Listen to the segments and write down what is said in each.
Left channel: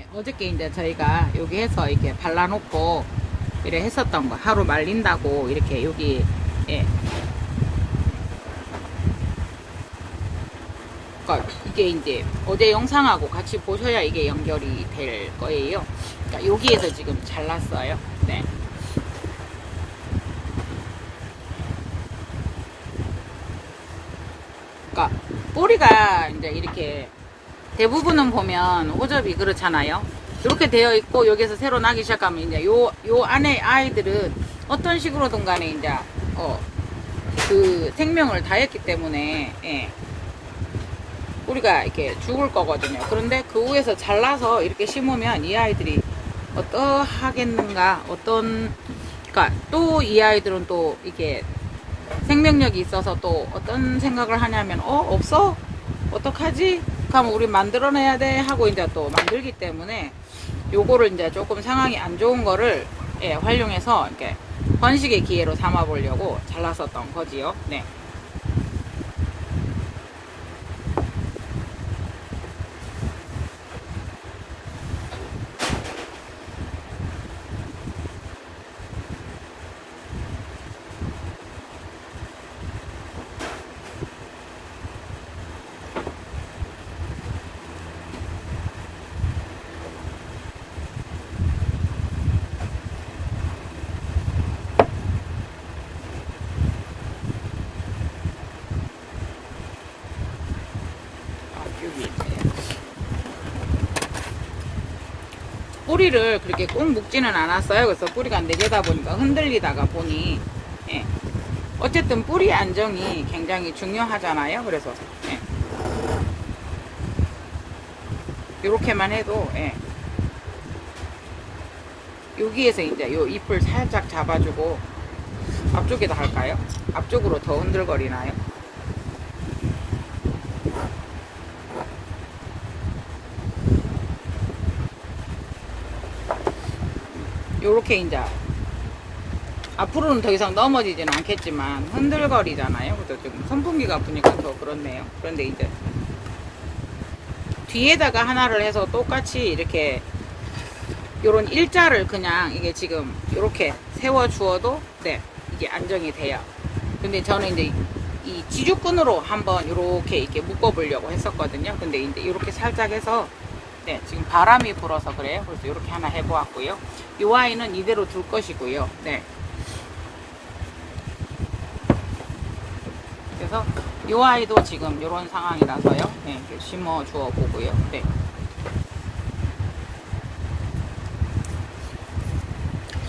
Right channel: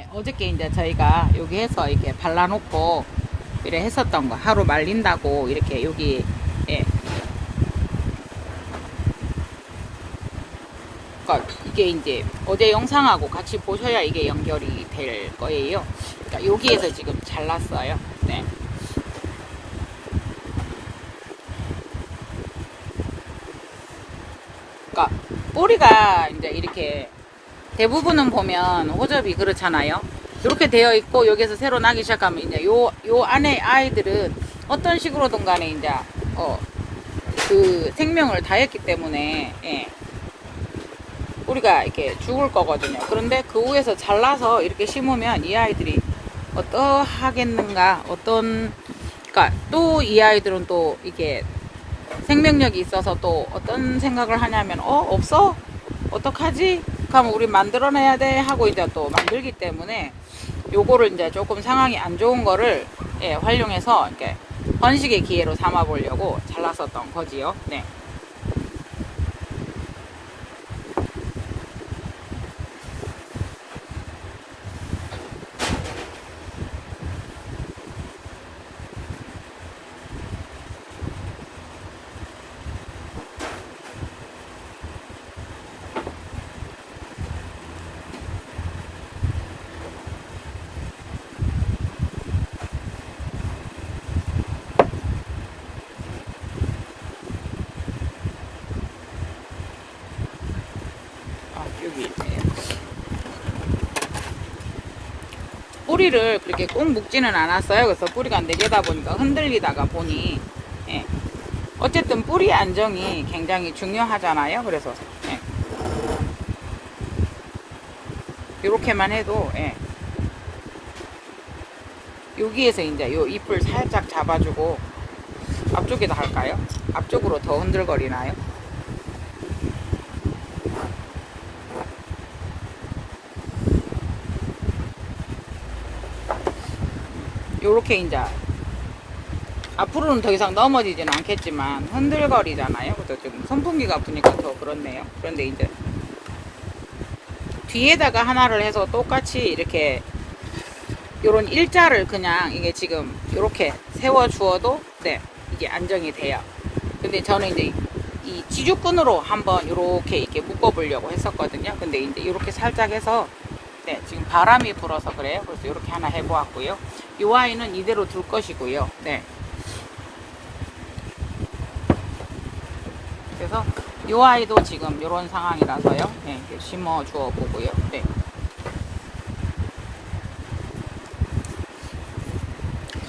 예, 어저께 이제 저희가 여기 해서 이렇게 발라놓고 이래 했었던 거 하루 말린다고 이렇게 여기 예. 그러니까 이게 이제 어제 영상하고 같이 보셔야 이게 연결이 될 거예요. 그러니까 여기에서 지금 잘랐어요. 네. 그러니까 뿌리가 이제 이렇게 대부분은 보면 호접이 그렇잖아요. 이렇게 되어 있고 여기서 새로 나기 시작하면 이제 요, 요 안에 아이들은 어떤 식으로든 간에 이제 어, 그 생명을 다했기 때문에 예. 우리가 이렇게 죽을 거거든요. 그런데 그 위에서 잘라서 이렇게 심으면 이 아이들이 어떠하겠는가 어떤 그러니까 또 이 아이들은 또 이게 생명력이 있어서 또 어떤 생각을 하냐면 어 없어 어떡하지 그러면 우리 만들어내야 돼 하고 이제 또 만들기 때문에 요거를 이제 조금 상황이 안 좋은 거를 예, 활용해서 이렇게 번식의 기회로 삼아 보려고 잘랐었던 거지요. 네. 아, 여기 있네요. 뿌리를 그렇게 꼭 묶지는 않았어요. 그래서 뿌리가 내재다 보니까 흔들리다가 보니 예. 어쨌든 뿌리 안정이 굉장히 중요하잖아요. 그래서 예. 이렇게만 해도 예. 여기에서 이제 요 잎을 살짝 잡아주고 앞쪽에다 할까요? 앞쪽으로 더 흔들거리나요? 요렇게 이제 앞으로는 더 이상 넘어지지는 않겠지만 흔들거리잖아요. 그래서 좀 선풍기가 부니까 더 그렇네요. 그런데 이제 뒤에다가 하나를 해서 똑같이 이렇게 요런 일자를 그냥 이게 지금 이렇게 세워 주어도 네 이게 안정이 돼요. 근데 저는 이제 이 지주끈으로 한번 이렇게 이렇게 묶어 보려고 했었거든요. 근데 이제 이렇게 살짝 해서 네, 지금 바람이 불어서 그래요. 그래서 이렇게 하나 해보았고요. 이 아이는 이대로 둘 것이고요. 네. 그래서 이 아이도 지금 이런 상황이라서요. 네, 또 심어 주어 보고요. 네.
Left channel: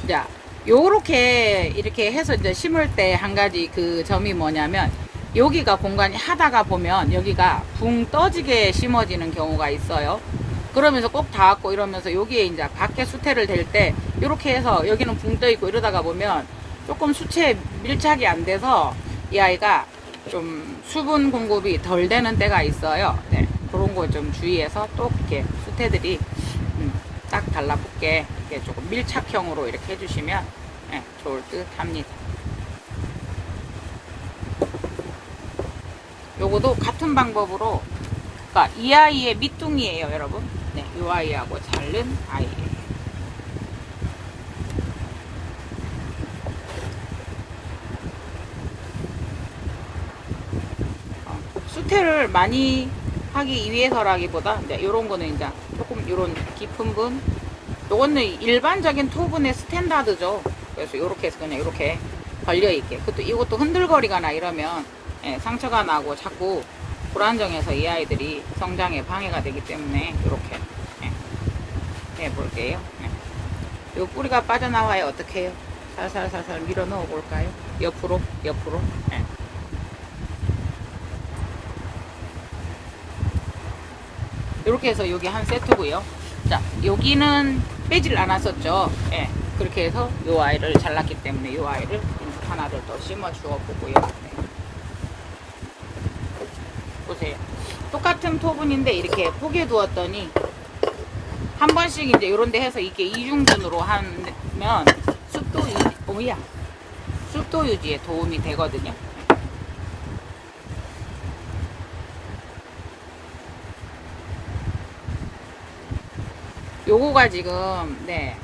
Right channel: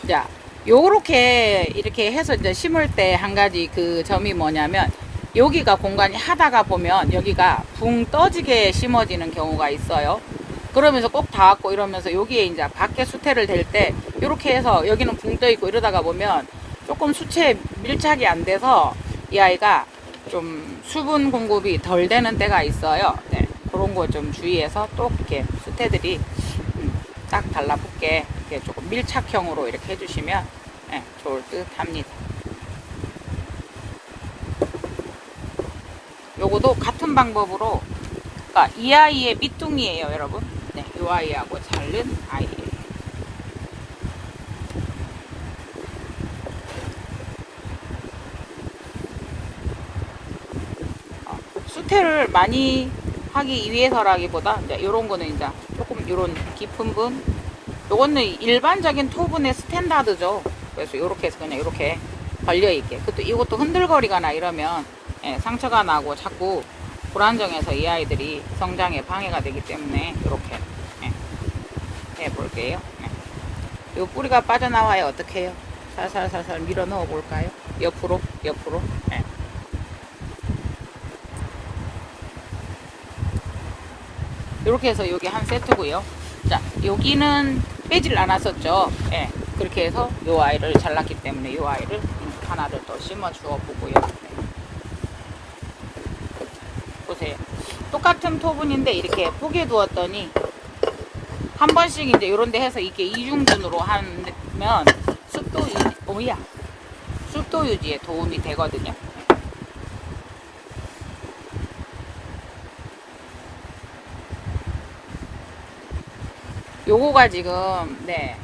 자, 요렇게 이렇게 해서 이제 심을 때 한 가지 그 점이 뭐냐면 여기가 공간이 하다가 보면 여기가 붕 떠지게 심어지는 경우가 있어요. 그러면서 꼭 닿았고 이러면서 여기에 이제 밖에 수태를 댈 때 이렇게 해서 여기는 붕 떠 있고 이러다가 보면 조금 수채에 밀착이 안 돼서 이 아이가 좀 수분 공급이 덜 되는 때가 있어요. 네, 그런 거 좀 주의해서 또 이렇게 수태들이 음, 딱 달라붙게 이렇게 조금 밀착형으로 이렇게 해주시면 네, 좋을 듯 합니다. 요거도 같은 방법으로 그러니까 이 아이의 밑둥이에요, 여러분. 네, 이 아이하고 자른. 어, 수태를 많이 하기 위해서라기보다 이제 이런 거는 이제 조금 이런 깊은 분 요거는 일반적인 토분의 스탠다드죠. 그래서 이렇게 해서 그냥 이렇게 걸려 있게. 그것도 이것도 흔들거리거나 이러면 예, 상처가 나고 자꾸 불안정해서 이 아이들이 성장에 방해가 되기 때문에 이렇게 예, 해볼게요. 예. 요 뿌리가 빠져나와야 어떻게 해요? 살살살살 밀어 넣어 볼까요? 옆으로, 옆으로. 예. 이렇게 해서 여기 한 세트고요. 자, 여기는 빼질 않았었죠. 예. 그렇게 해서 요 아이를 잘랐기 때문에 요 아이를 하나를 더 심어 주어 보고요. 보세요. 똑같은 토분인데 이렇게 포개 두었더니 한 번씩 이제 이런 데 해서 이렇게 이중분으로 하면 습도 유지, 오야. 습도 유지에 도움이 되거든요. 요거가 지금 네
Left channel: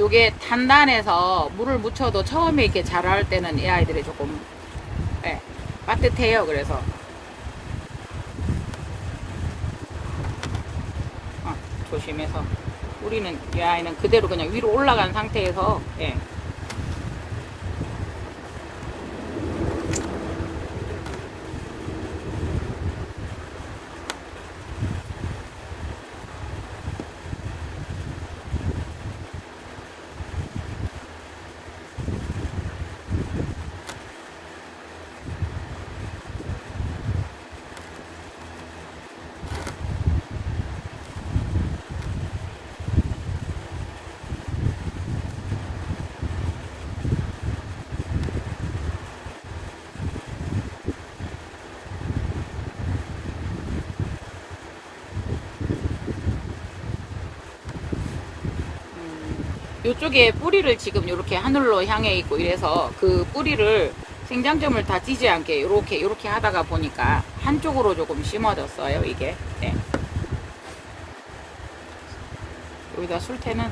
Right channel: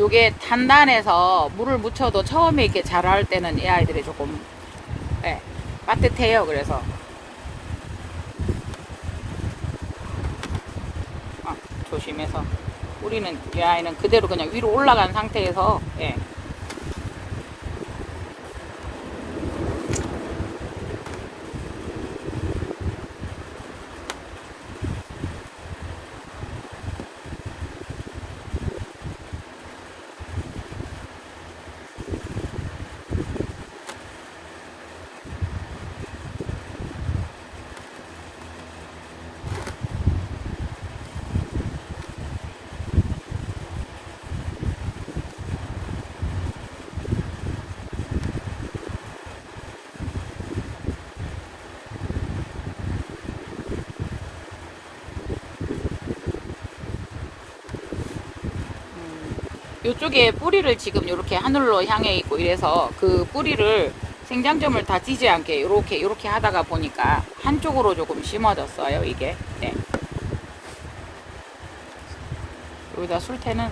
요게 단단해서 물을 묻혀도 처음에 이렇게 자랄 때는 이 아이들이 조금 네, 빠듯해요 그래서 어, 조심해서 우리는 이 아이는 그대로 그냥 위로 올라간 상태에서 예. 이쪽에 뿌리를 지금 이렇게 하늘로 향해 있고 이래서 그 뿌리를 생장점을 다 지지 않게 이렇게 이렇게 하다가 보니까 한쪽으로 조금 심어졌어요 이게 네. 여기다 술태는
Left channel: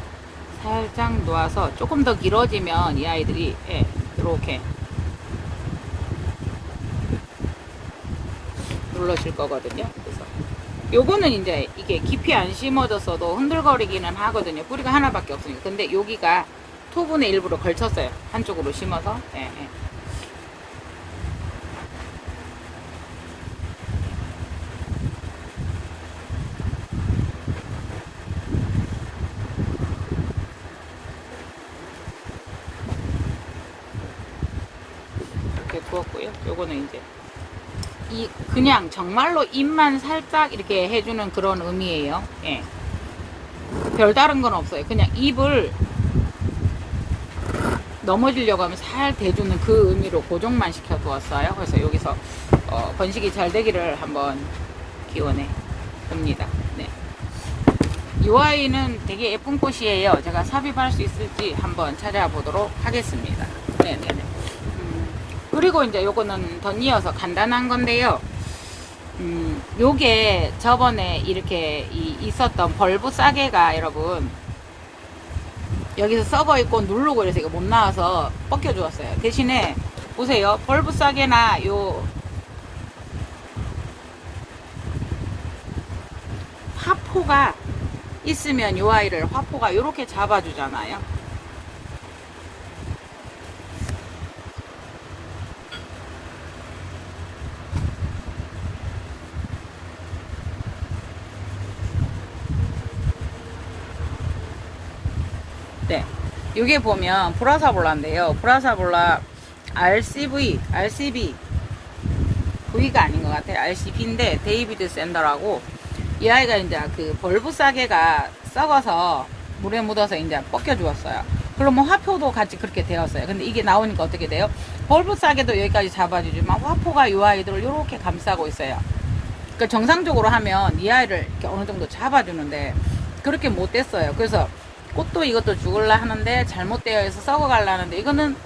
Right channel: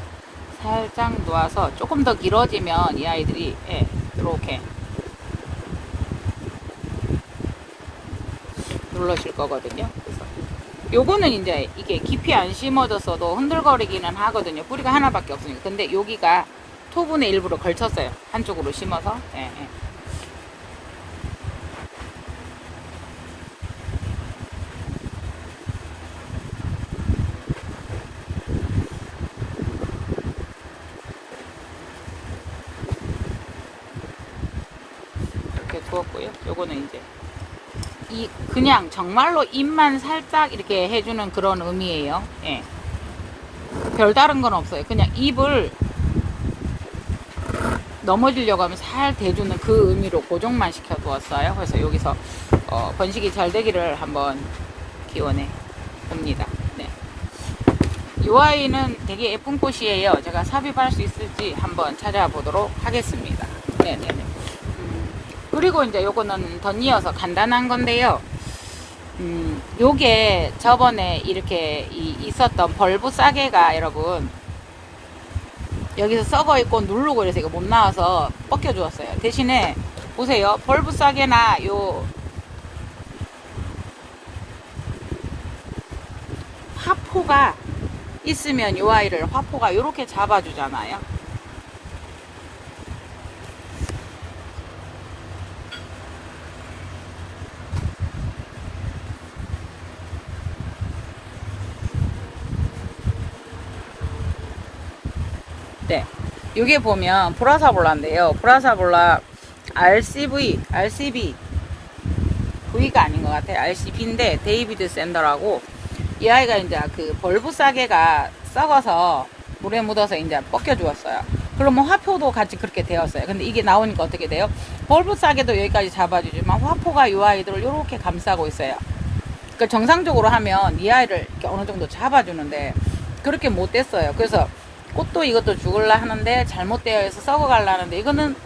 살짝 놓아서 조금 더 길어지면 이 아이들이 예, 이렇게 눌러질 거거든요 요거는 이제 이게 깊이 안 심어졌어도 흔들거리기는 하거든요. 뿌리가 하나밖에 없으니까. 근데 여기가 토분의 일부로 걸쳤어요. 한쪽으로 심어서. 예, 예. 이렇게 두었고요. 요거는 이제 이 그냥 정말로 입만 살짝 이렇게 해주는 그런 의미예요. 예. 별다른 건 없어요. 그냥 입을 넘어지려고 하면 살 대주는 그 의미로 고정만 시켜두었어요. 그래서 여기서 어, 번식이 잘 되기를 한번 기원해 봅니다. 네. 이 아이는 되게 예쁜 꽃이에요. 제가 삽입할 수 있을지 한번 찾아보도록 하겠습니다. 네네. 그리고 이제 요거는 덧이어서 간단한 건데요. 음, 요게 저번에 이렇게 이- 있었던 벌브 싸개가 여러분 여기서 썩어 있고 누르고 이래서 이거 못 나와서 벗겨 주었어요. 대신에 보세요. 벌브 싸개나 요 화포가 있으면 요 아이를 화포가 요렇게 잡아주잖아요. 네. 이게 보면 브라사볼라인데요. 브라사볼라 RCV, RCB V가 아닌 것 같아요. RCB인데 데이비드 샌더라고 이 아이가 이제 그 벌브 싸개가 썩어서 물에 묻어서 이제 벗겨 주었어요. 그러면 화포도 같이 그렇게 되었어요. 근데 이게 나오니까 어떻게 돼요? 벌브 싸개도 여기까지 잡아주지만 화포가 이 아이들을 이렇게 감싸고 있어요. 그러니까 정상적으로 하면 이 아이를 어느 정도 잡아주는데 그렇게 못 됐어요. 그래서 꽃도 이것도 죽을라 하는데 잘못되어 있어 썩어갈라는데 이거는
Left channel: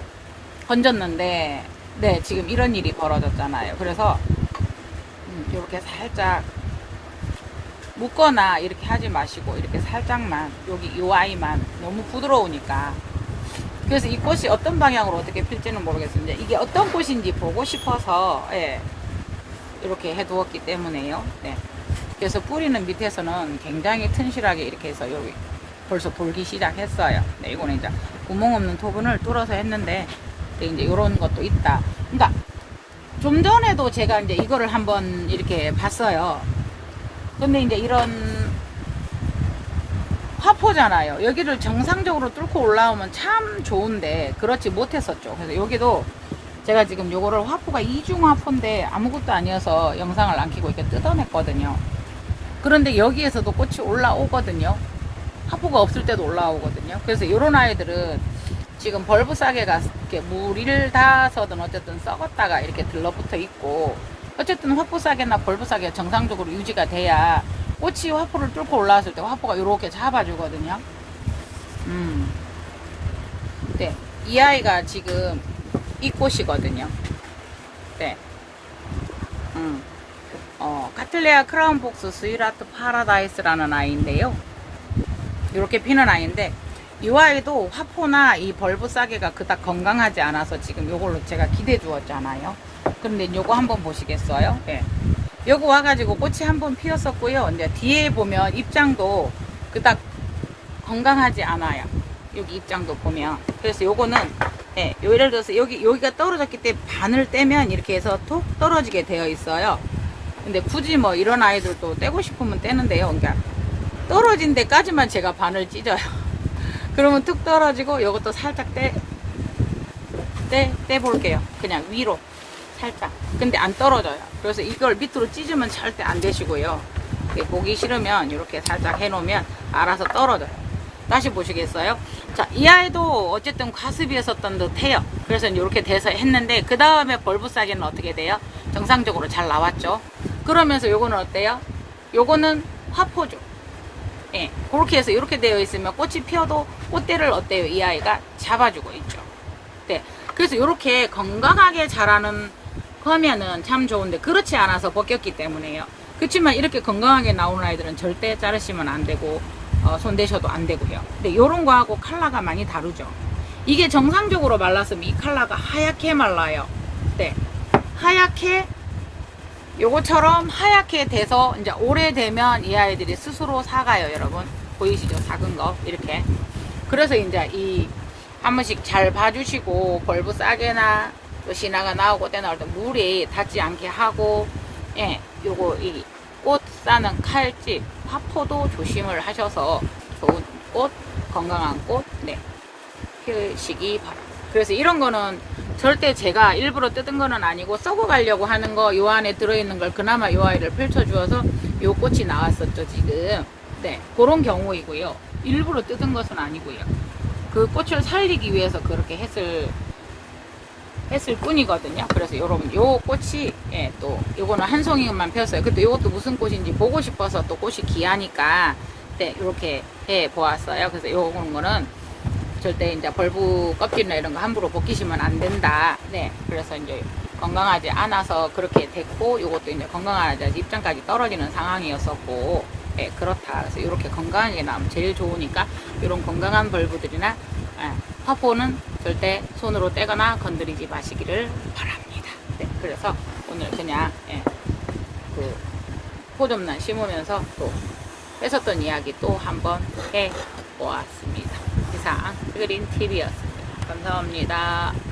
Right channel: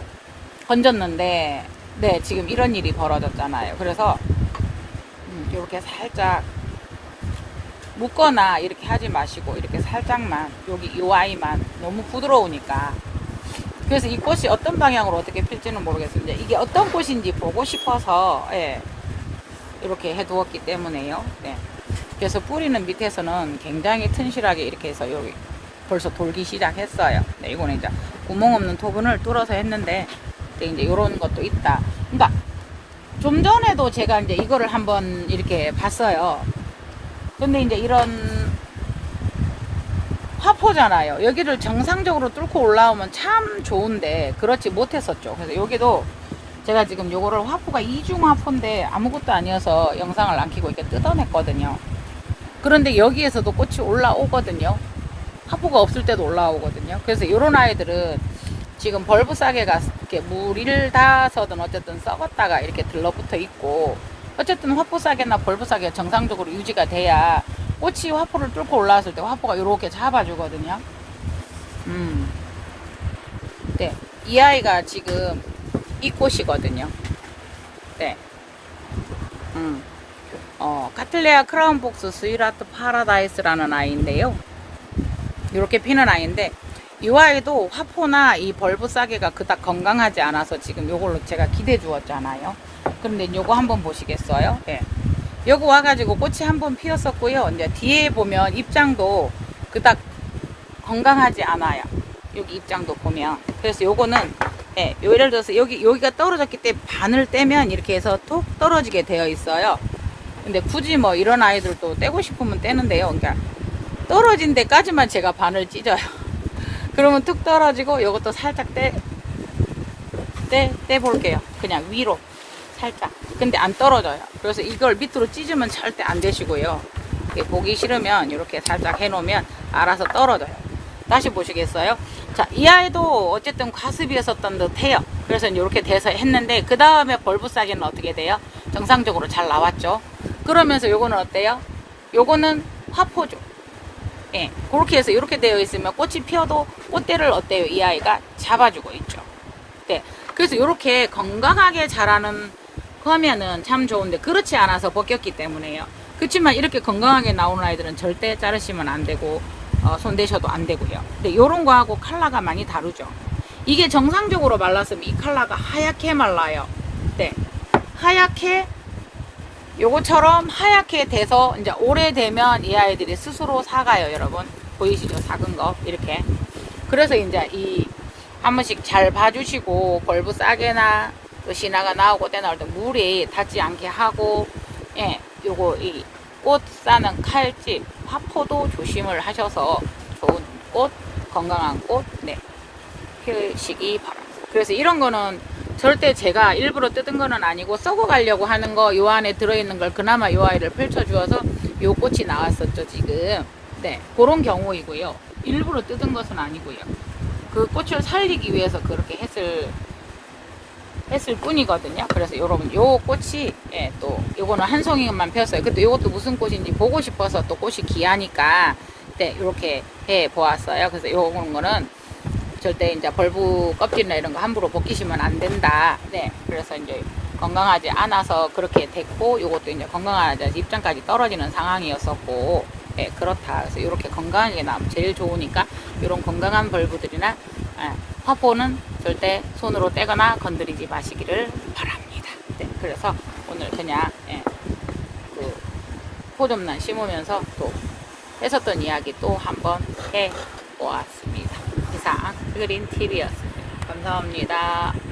건졌는데 네 지금 이런 일이 벌어졌잖아요. 그래서 음, 이렇게 살짝 묶거나 이렇게 하지 마시고 이렇게 살짝만 여기 요 아이만 너무 부드러우니까 그래서 이 꽃이 어떤 방향으로 어떻게 필지는 모르겠습니다. 이게 어떤 꽃인지 보고 싶어서 예, 이렇게 해 두었기 때문에요. 네. 그래서 뿌리는 밑에서는 굉장히 튼실하게 이렇게 해서 여기 벌써 돌기 시작했어요. 네, 이거는 이제 구멍 없는 토분을 뚫어서 했는데 이제 이런 것도 있다. 그러니까 좀 전에도 제가 이제 이거를 한번 이렇게 봤어요. 근데 이제 이런 화포잖아요. 여기를 정상적으로 뚫고 올라오면 참 좋은데 그렇지 못했었죠. 그래서 여기도 제가 지금 요거를 화포가 이중 화포인데 아무것도 아니어서 영상을 안 켜고 이렇게 뜯어냈거든요. 그런데 여기에서도 꽃이 올라오거든요. 화포가 없을 때도 올라오거든요. 그래서 요런 아이들은 지금 벌브 싸개가 이렇게 물을 닿아서든 어쨌든 썩었다가 이렇게 들러붙어 있고 어쨌든 화포 싸개나 벌브 싸개가 정상적으로 유지가 돼야 꽃이 화포를 뚫고 올라왔을 때 화포가 이렇게 잡아주거든요. 음. 네. 이 아이가 지금 이 꽃이거든요. 네. 음. 어, 카틀레아 크라운복스 스위라트 파라다이스라는 아이인데요. 이렇게 피는 아이인데 이 아이도 화포나 이 벌브 싸개가 그닥 건강하지 않아서 지금 요걸로 제가 기대 주었잖아요. 그런데 요거 한번 보시겠어요? 예. 요거 와가지고 꽃이 한 번 피었었고요. 이제 뒤에 보면 입장도 그닥 건강하지 않아요. 여기 입장도 보면. 그래서 요거는, 예, 요 예를 들어서 여기, 여기가 떨어졌기 때문에 반을 떼면 이렇게 해서 톡 떨어지게 되어 있어요. 근데 굳이 뭐 이런 아이들도 떼고 싶으면 떼는데요. 그러니까 떨어진 데까지만 제가 반을 찢어요. 그러면 툭 떨어지고 요것도 살짝 떼, 떼, 떼볼게요. 그냥 위로. 살짝. 근데 안 떨어져요. 그래서 이걸 밑으로 찢으면 절대 안 되시고요. 보기 싫으면 이렇게 살짝 해놓으면 알아서 떨어져요. 다시 보시겠어요? 자, 이 아이도 어쨌든 과습이었었던 듯 해요. 그래서 이렇게 돼서 했는데, 그 다음에 벌브 싸기는 어떻게 돼요? 정상적으로 잘 나왔죠? 그러면서 요거는 어때요? 요거는 화포죠. 예, 그렇게 해서 이렇게 되어 있으면 꽃이 피어도 꽃대를 어때요? 이 아이가 잡아주고 있죠. 네. 그래서 이렇게 건강하게 자라는 거면은 참 좋은데 그렇지 않아서 벗겼기 때문에요. 그렇지만 이렇게 건강하게 나오는 아이들은 절대 자르시면 안 되고 어, 손대셔도 안 되고요. 근데 이런 거하고 컬러가 많이 다르죠. 이게 정상적으로 말랐으면 이 컬러가 하얗게 말라요. 네. 하얗게 요거처럼 하얗게 돼서 이제 오래되면 이 아이들이 스스로 사가요, 여러분. 보이시죠? 작은 거. 이렇게. 그래서 이제 이 한 번씩 잘 봐주시고 벌브 싸게나 또 신화가 나오고 때 나올 때 물이 닿지 않게 하고 예, 요거 이 꽃 싸는 칼집, 화포도 조심을 하셔서 좋은 꽃, 건강한 꽃, 네, 피우시기 바랍니다. 그래서 이런 거는 절대 제가 일부러 뜯은 거는 아니고 썩어 가려고 하는 거 요 안에 들어있는 걸 그나마 요 아이를 펼쳐주어서 요 꽃이 나왔었죠 지금. 네 그런 경우이고요. 일부러 뜯은 것은 아니고요. 그 꽃을 살리기 위해서 그렇게 했을 했을 뿐이거든요. 그래서 요런 요 꽃이 예, 또 요거는 한 송이만 폈어요. 근데 요것도 무슨 꽃인지 보고 싶어서 또 꽃이 귀하니까 네 이렇게 해 보았어요. 그래서 요런 거는 절대 이제 벌브 껍질이나 이런 거 함부로 벗기시면 안 된다. 네. 그래서 이제 건강하지 않아서 그렇게 됐고, 요것도 이제 건강하지 입장까지 떨어지는 상황이었었고, 네, 그렇다. 그래서 이렇게 건강하게 나오면 제일 좋으니까, 이런 건강한 벌브들이나, 어, 화포는 절대 손으로 떼거나 건드리지 마시기를 바랍니다. 네. 그래서 오늘 그냥, 예, 그, 포좀난 심으면서 또 했었던 이야기 또 한번 해 보았습니다. 이상 그린TV였습니다. 감사합니다.